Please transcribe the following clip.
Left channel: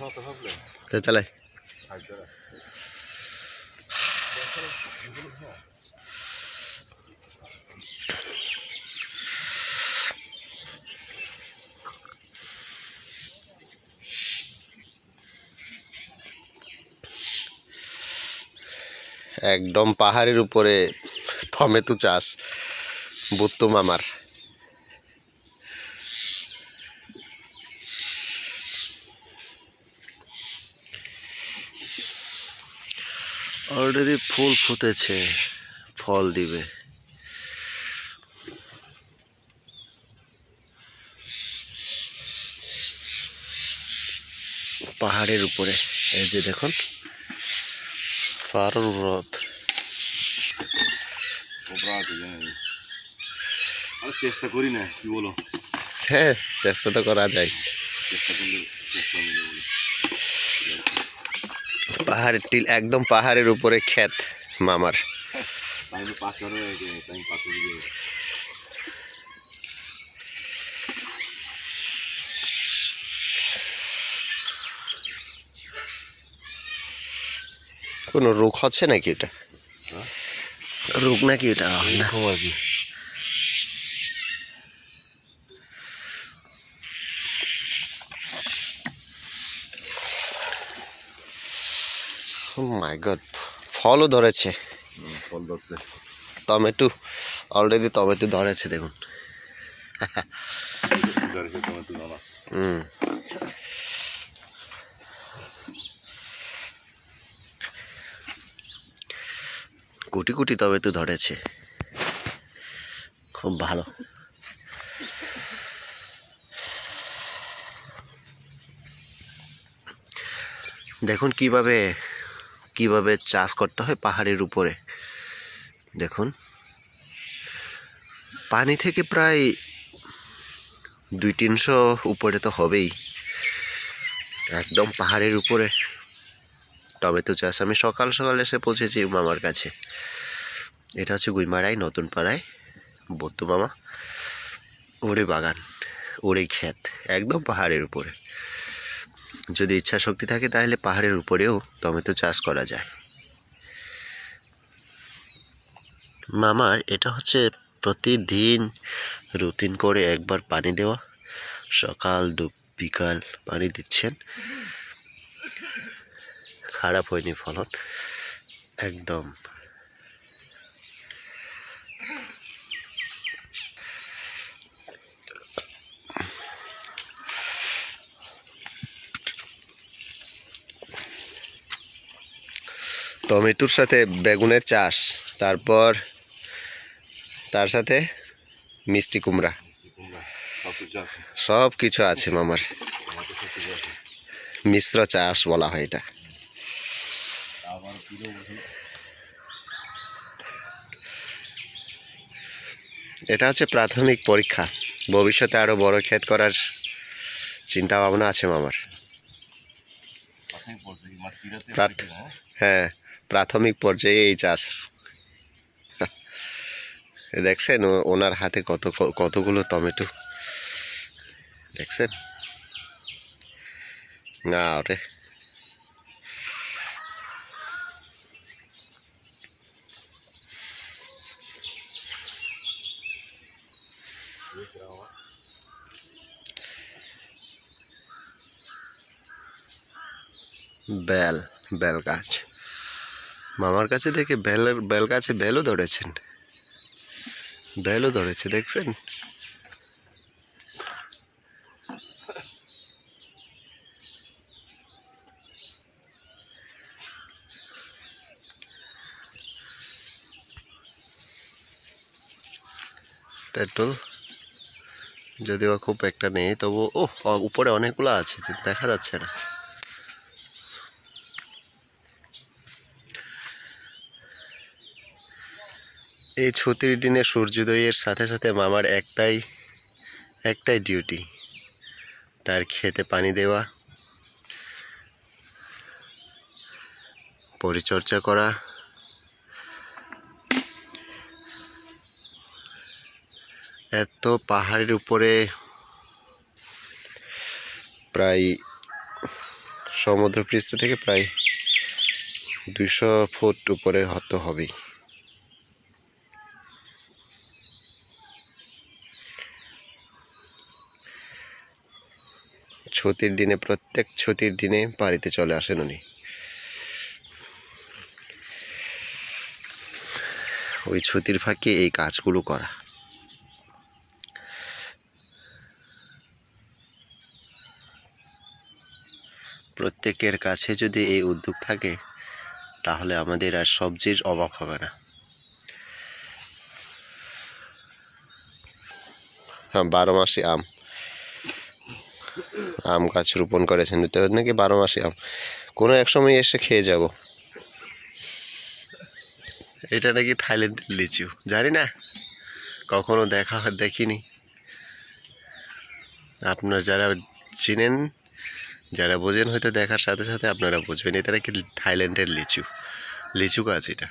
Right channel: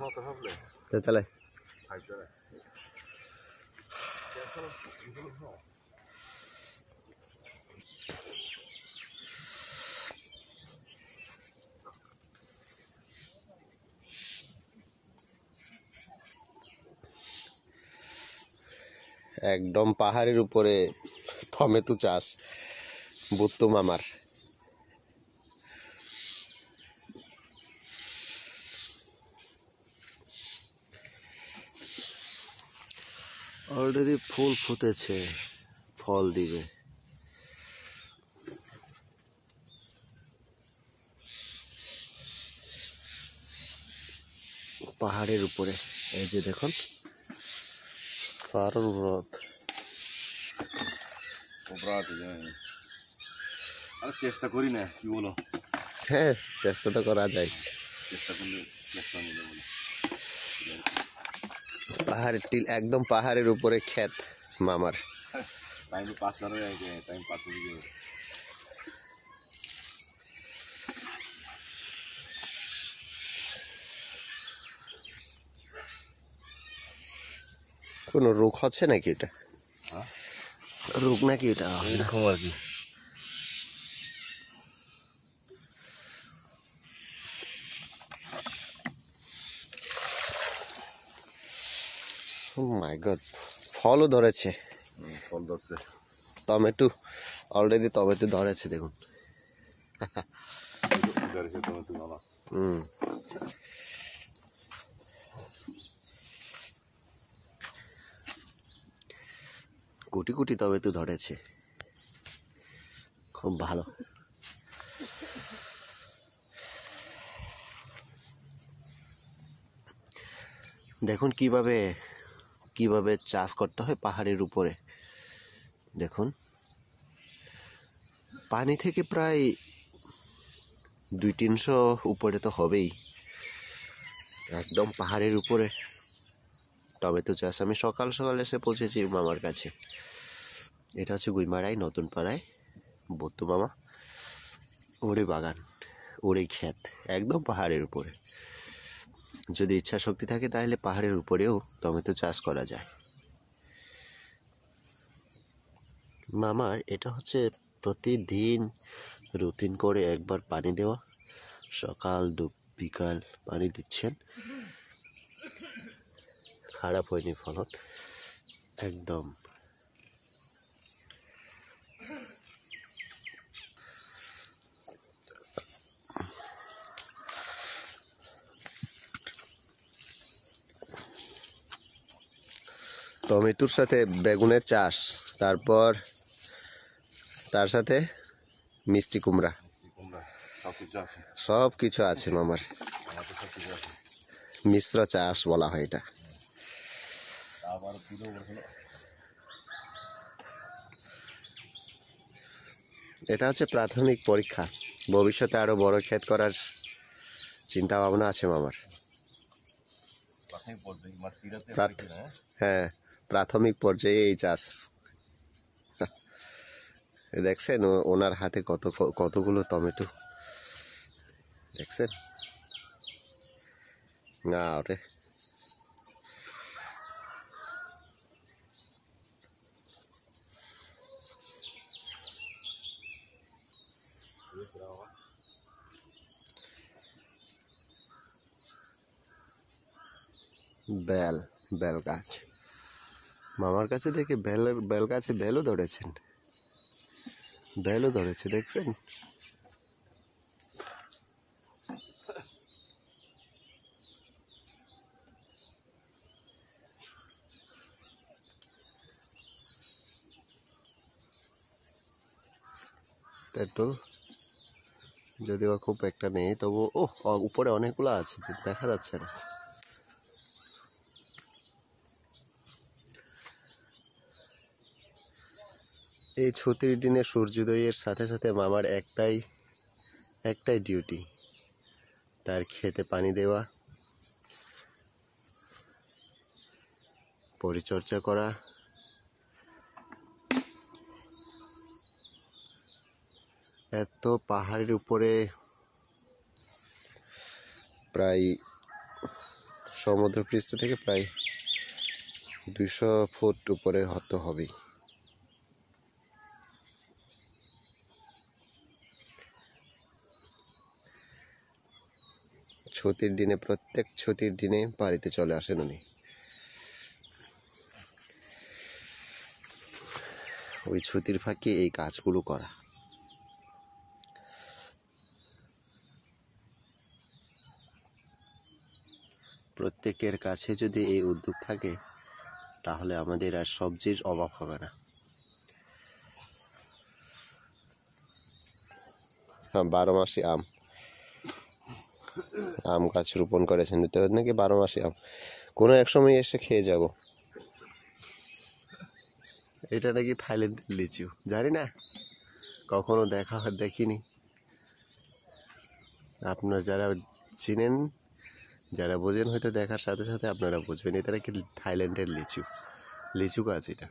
তো চলে একদম পাহাড়ের উপরে টমেটো চাষ বুত্তু মামার। অলরেডি ফুল ফুটেছে, ফল দিবে। পাহাড়ের উপরে এই যে দেখুন পাহাড়ের রথ। চেষ্টা করি না, কি বলো? হ্যাঁ, চেষ্টা তো করা যায়। পাহাড়ের টিল একদম পাহাড়ের উপরে ক্ষেত মামার। কোন রোগ হচ্ছে নাকি এটা? রোগ নাকি এটা? না মাই গড, ফলও ধরেছে। ফল ধরছে, টমেটো অলরেডি টমেটো ধরেছে দেখুন। কোটি কোটি টমেটো ধরেছে, খুব ভালো। দেখুন কিভাবে কিভাবে চাষ করতে হয় পাহাড়ের উপরে। দেখুন পানি থেকে প্রায় 200-300 উপরে তো হবেই। একদম পাহাড়ের উপরে টমেটো চাষ। আমি সকাল সকাল এসে পৌঁছেছি মামার কাছে। এটা হচ্ছে গুইমারাই নতুন পাড়ায় বত্তু মামা, ওরে বাগান, ওরে ক্ষেত, একদম পাহাড়ের উপরে। যদি ইচ্ছা শক্তি থাকে তাহলে পাহাড়ের উপরেও টমেটো চাষ করা যায়। মামার এটা হচ্ছে প্রতিদিন রুটিন করে একবার পানি দেওয়া, সকাল বিকাল পানি দিচ্ছেন। খারাপ হয়নি ফলন একদম। টমেটোর সাথে বেগুনের চাষ, তারপর তার সাথে মিষ্টি কুমড়া, সব কিছু আছে মামার। মিশ্র চাষ বলা হয় এটা। এটা হচ্ছে প্রাথমিক পরীক্ষা, ভবিষ্যতে আরো বড় ক্ষেত করার চিন্তা ভাবনা আছে মামার। হ্যাঁ, প্রাথমিক পর্যায়ে এই চাষ। দেখছেন ওনার হাতে কতগুলো টমেটো দেখছেন না? ওরে বেল গাছ মামার কাছে দেখে বেল গাছে বেলও ধরেছেন, বেলও ধরেছে দেখছেন। তেঁতুল যদিও খুব একটা নেই, তবু উপরে অনেকগুলো আছে, দেখা যাচ্ছে না। এই ছুটির দিনে সূর্যোদয়ের সাথে সাথে মামার একটাই ডিউটি, তার খেতে পানি দেওয়া, পরিচর্যা করা। এত পাহাড়ের উপরে প্রায় সমুদ্রপৃষ্ঠ থেকে প্রায় 200 ফুট উপরে হতে হবেই। ছুটির দিনে, প্রত্যেক ছুটির দিনে বাড়িতে চলে আসেন উনি। ওই ছুটির ফাঁকে এই কাজগুলো করা। প্রত্যেকের কাছে যদি এই উদ্যোগ থাকে তাহলে আমাদের আর সবজির অভাব হবে না। হ্যাঁ, 12 মাসি আম গাছ রোপণ করেছেন তো নাকি 12 মাসি আম, কোনো এক সময় এসে খেয়ে যাব। এটা নাকি থাইল্যান্ডের লিচু, জানি না, কখনো দেখিনি। আপনারা যারা চিনেন, যারা বোঝেন হয়তো দেখার সাথে সাথে আপনারা বুঝবেন এটা নাকি থাইল্যান্ডের লিচু গাছ এটা।